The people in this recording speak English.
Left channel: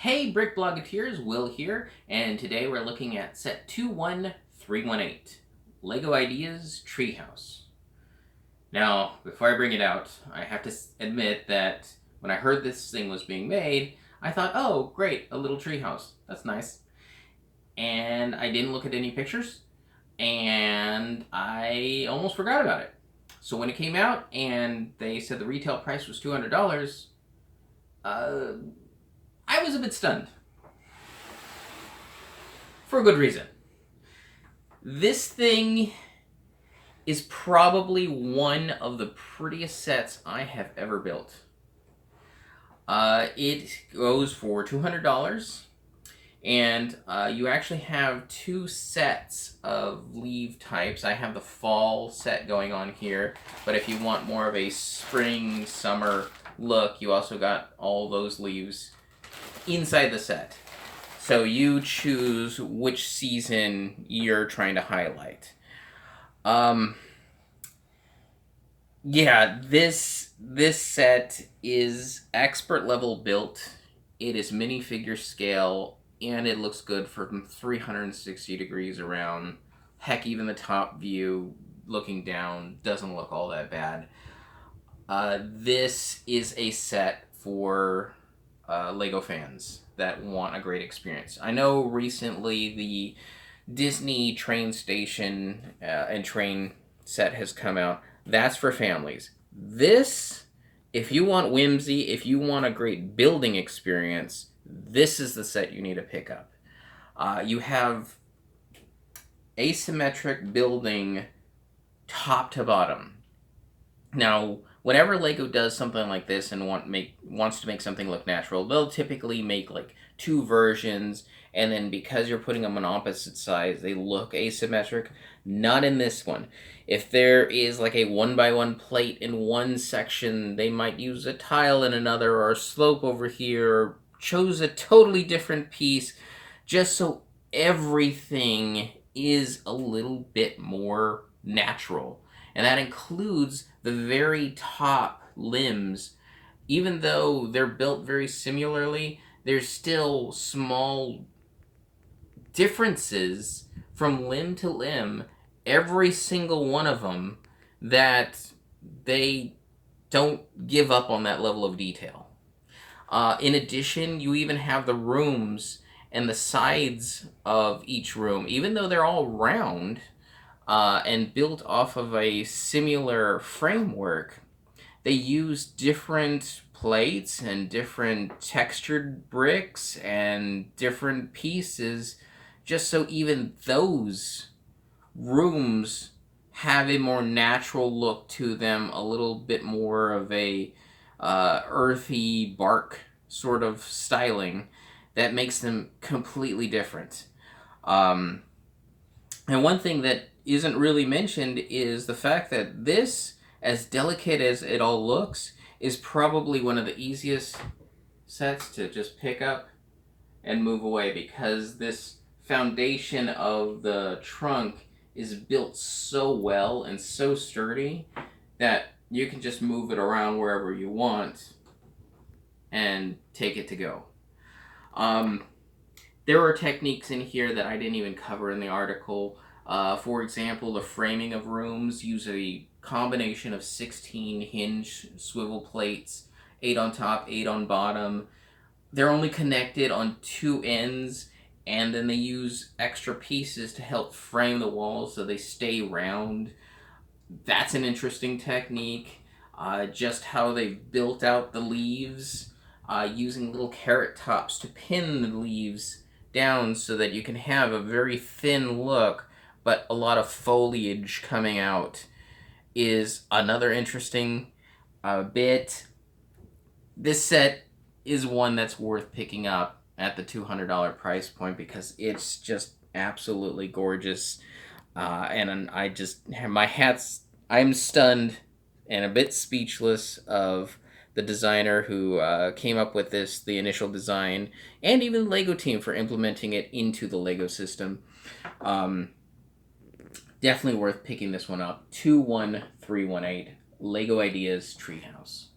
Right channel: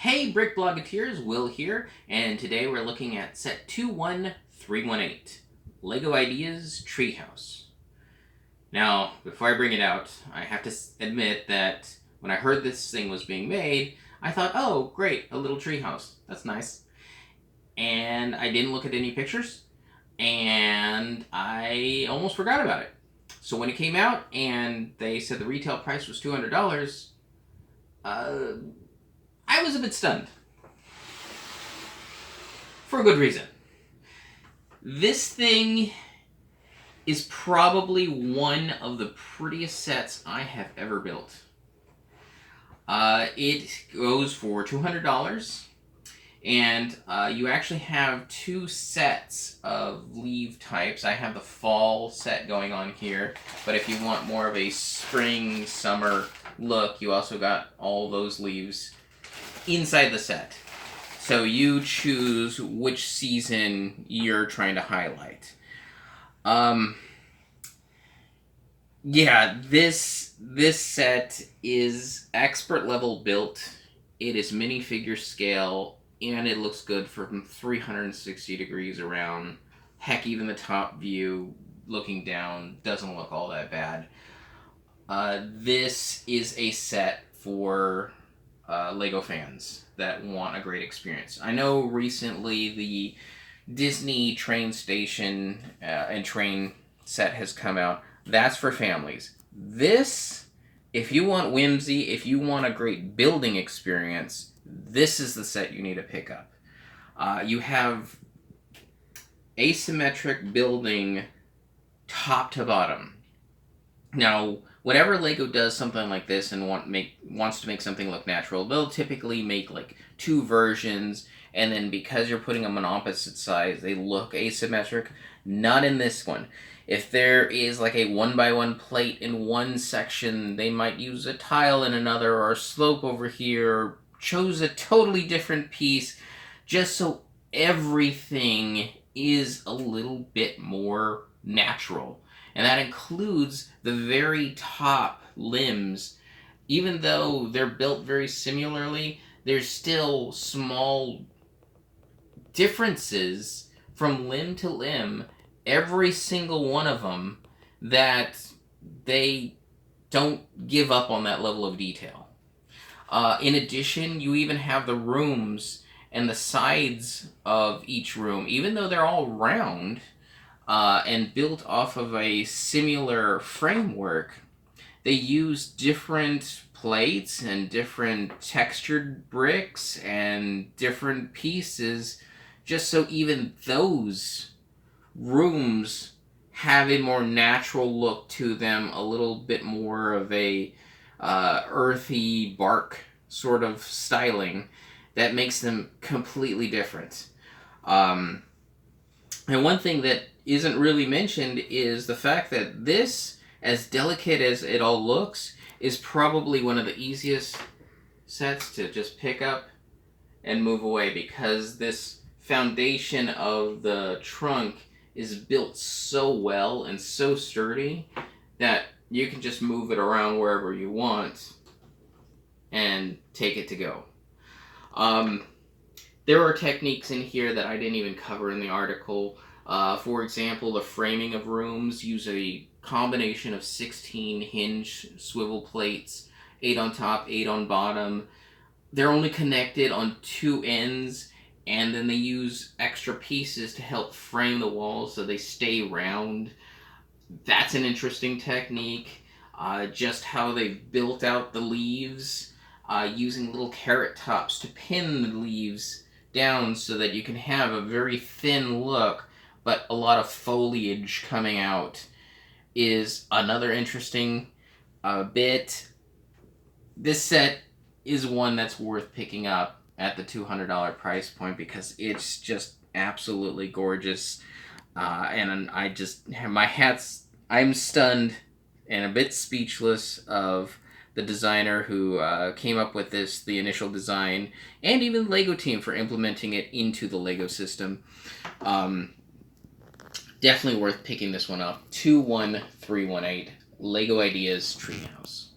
Hey Brick Bloggeteers, Will here, and today we're looking at set 21318, LEGO Ideas Treehouse. Now, before I bring it out, I have to admit that when I heard this thing was being made, I thought, oh great, a little treehouse, that's nice. And I didn't look at any pictures, and I almost forgot about it. So when it came out and they said the retail price was $200, I was a bit stunned. For a good reason. This thing is probably one of the prettiest sets I have ever built. It goes for $200, and you actually have two sets of leaf types. I have the fall set going on here, but if you want more of a spring, summer look, you also got all those leaves inside the set. So you choose which season you're trying to highlight. Yeah, this set is expert level built. It is minifigure scale, and it looks good from 360 degrees around. Heck, even the top view looking down doesn't look all that bad. This is a set for LEGO fans that want a great experience. I know recently the Disney train station and train set has come out. That's for families. This, if you want whimsy, if you want a great building experience, this is the set you need to pick up. You have asymmetric building top to bottom. Now, whenever LEGO does something like this and wants to make something look natural, they'll typically make like two versions, and then because you're putting them on opposite sides, they look asymmetric. Not in this one. If there is like a 1x1 plate in one section, they might use a tile in another, or a slope over here, or chose a totally different piece, just so everything is a little bit more natural. And that includes the very top limbs. Even though they're built very similarly, there's still small differences from limb to limb, every single one of them, that they don't give up on that level of detail. In addition, you even have the rooms and the sides of each room, even though they're all round, and built off of a similar framework, they use different plates and different textured bricks and different pieces, just so even those rooms have a more natural look to them, a little bit more of a earthy bark sort of styling that makes them completely different. And one thing that isn't really mentioned is the fact that this, as delicate as it all looks, is probably one of the easiest sets to just pick up and move away, because this foundation of the trunk is built so well and so sturdy that you can just move it around wherever you want and take it to go. There are techniques in here that I didn't even cover in the article. For example, the framing of rooms use a combination of 16 hinge swivel plates, 8 on top, 8 on bottom. They're only connected on two ends, and then they use extra pieces to help frame the walls so they stay round. That's an interesting technique. Just how they built out the leaves, using little carrot tops to pin the leaves down so that you can have a very thin look but a lot of foliage coming out, is another interesting bit. This set is one that's worth picking up at the $200 price point because it's just absolutely gorgeous. And I just have my hats, I'm stunned and a bit speechless of the designer who came up with this, the initial design, and even the LEGO team for implementing it into the LEGO system. Definitely worth picking this one up. 21318, LEGO Ideas Treehouse.